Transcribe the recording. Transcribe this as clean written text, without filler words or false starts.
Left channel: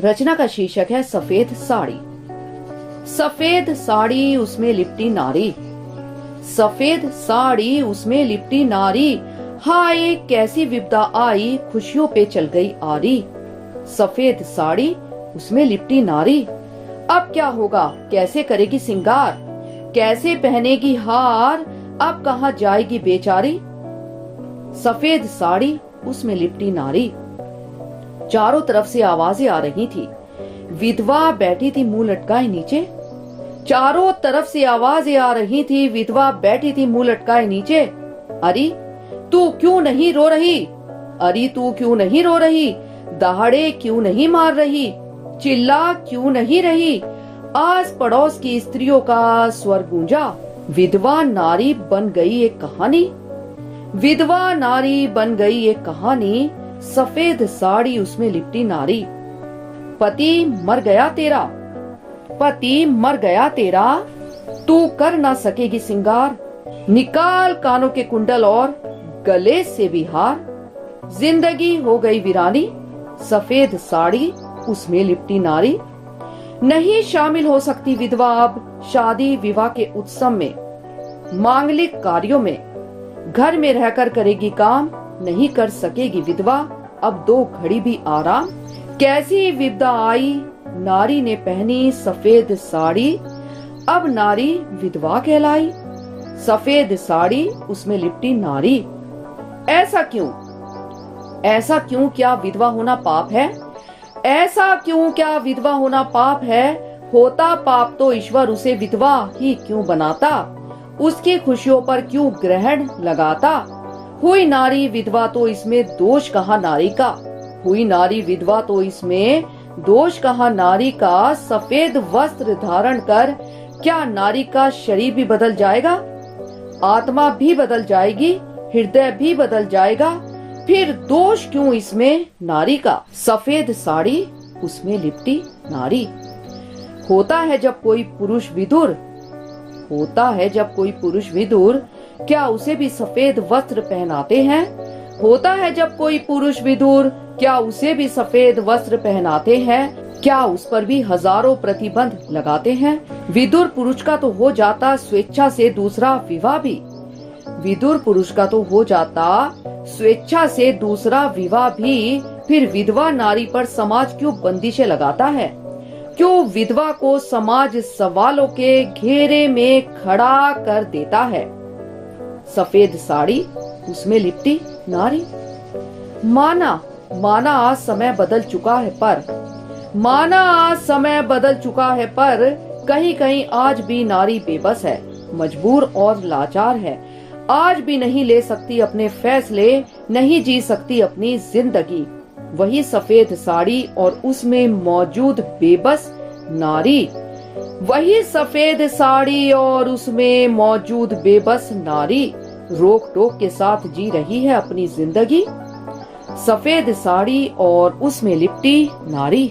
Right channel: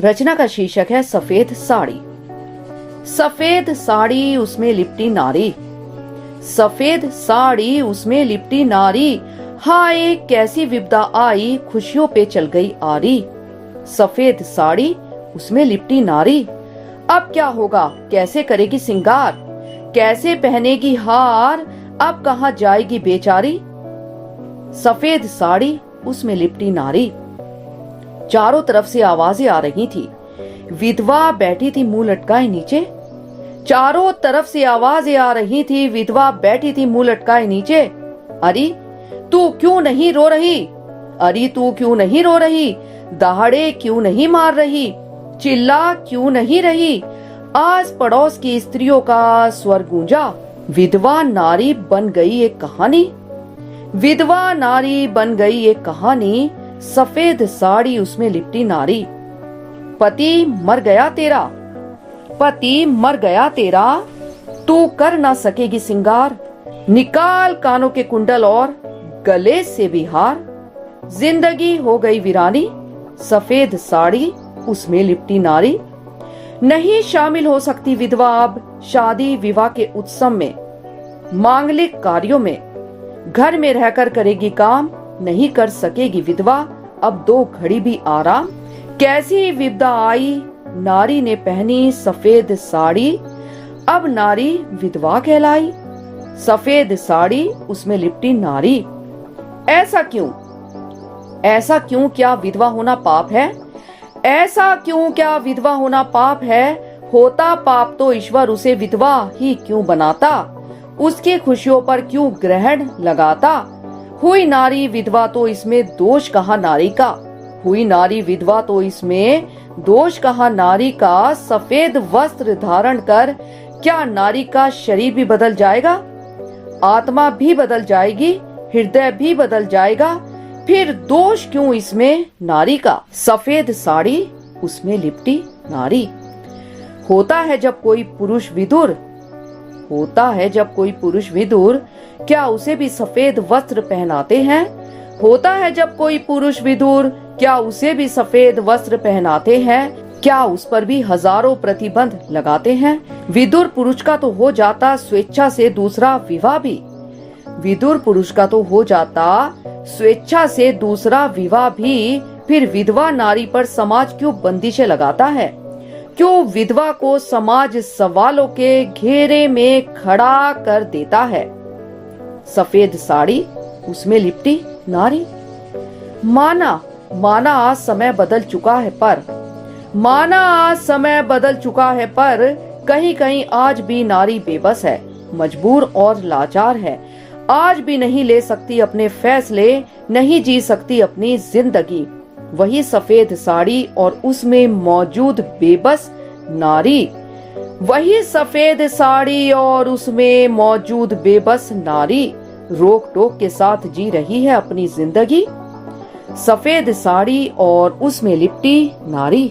रचना का शीर्षक है सफेद साड़ी। सफेद साड़ी उसमें लिपटी नारी, सफेद साड़ी उसमें लिपटी नारी, हाय कैसी विपदा आई खुशियों पे चल गई आरी। सफेद साड़ी उसमें लिपटी नारी, अब क्या होगा कैसे करेगी सिंगार, कैसे पहनेगी हार, अब कहाँ जाएगी बेचारी। सफेद साड़ी उसमें लिपटी नारी। चारों तरफ से आवाजें आ रही थी। विधवा बैठी थी मुंह लटकाए नीचे। चारों तरफ से आवाजें आ रही थी। विधवा बैठी थी मुंह लटकाए नीचे। अरे तू क्यों नहीं रो रही, अरे तू क्यों नहीं रो रही, दहाड़े क्यों नहीं मार रही, चिल्ला क्यों नहीं रही। आस पड़ोस की स्त्रियों का स्वर गूंजा। विधवा नारी बन गई एक कहानी, विधवा नारी बन गई एक कहानी। सफेद साड़ी उसमें लिपटी नारी। पति मर गया तेरा, पति मर गया तेरा, तू कर ना सकेगी सिंगार, निकाल कानों के कुंडल और गले से भी हार। जिंदगी हो गई वीरानी, सफेद साड़ी उसमें लिपटी नारी। नहीं शामिल हो सकती विधवा अब शादी विवाह के उत्सव में, मांगलिक कार्यों में, घर में रहकर करेगी काम, नहीं कर सकेगी विधवा अब दो घड़ी भी आराम। कैसी विपदा आई नारी ने पहनी सफेद साड़ी, अब नारी विधवा कहलाई। सफेद साड़ी उसमें लिपटी नारी। ऐसा क्यों, ऐसा क्यों, क्या विधवा होना पाप है, ऐसा क्यों, क्या विधवा होना पाप है। होता पाप तो ईश्वर उसे विधवा ही क्यों बनाता, उसकी खुशियों पर क्यों ग्रहण लगाता। हुई नारी विधवा तो इसमें दोष कहाँ नारी का, हुई नारी विधवा तो इसमें दोष कहाँ नारी का। सफेद वस्त्र धारण कर क्या नारी का शरीर भी बदल जाएगा, आत्मा भी बदल जाएगी, हृदय भी बदल जाएगा, फिर दोष क्यों इसमें नारी का। सफेद साड़ी उसमें लिपटी नारी। होता है जब कोई पुरुष विदुर, होता है जब कोई पुरुष विदुर, क्या उसे भी सफेद वस्त्र पहनाते हैं। होता है जब कोई पुरुष विदुर, क्या उसे भी सफेद वस्त्र पहनाते हैं, क्या उस पर भी हजारों प्रतिबंध लगाते हैं। विदुर पुरुष का तो हो जाता स्वेच्छा से दूसरा विवाह भी, विदुर पुरुष का तो हो जाता स्वेच्छा से दूसरा विवाह भी, फिर विधवा नारी पर समाज क्यों बंदिशें लगाता है, क्यों विधवा को समाज सवालों के घेरे में खड़ा कर देता है। सफेद साड़ी उसमें लिपटी नारी। माना माना आज समय बदल चुका है पर, माना आज समय बदल चुका है पर, कहीं कहीं आज भी नारी बेबस है, मजबूर और लाचार है। आज भी नहीं ले सकती अपने फैसले, नहीं जी सकती अपनी जिंदगी। वही सफेद साड़ी और उसमें मौजूद बेबस नारी, वही सफेद साड़ी और उसमें मौजूद बेबस नारी रोक टोक के साथ जी रही है अपनी जिंदगी। सफेद साड़ी और उसमें लिपटी नारी।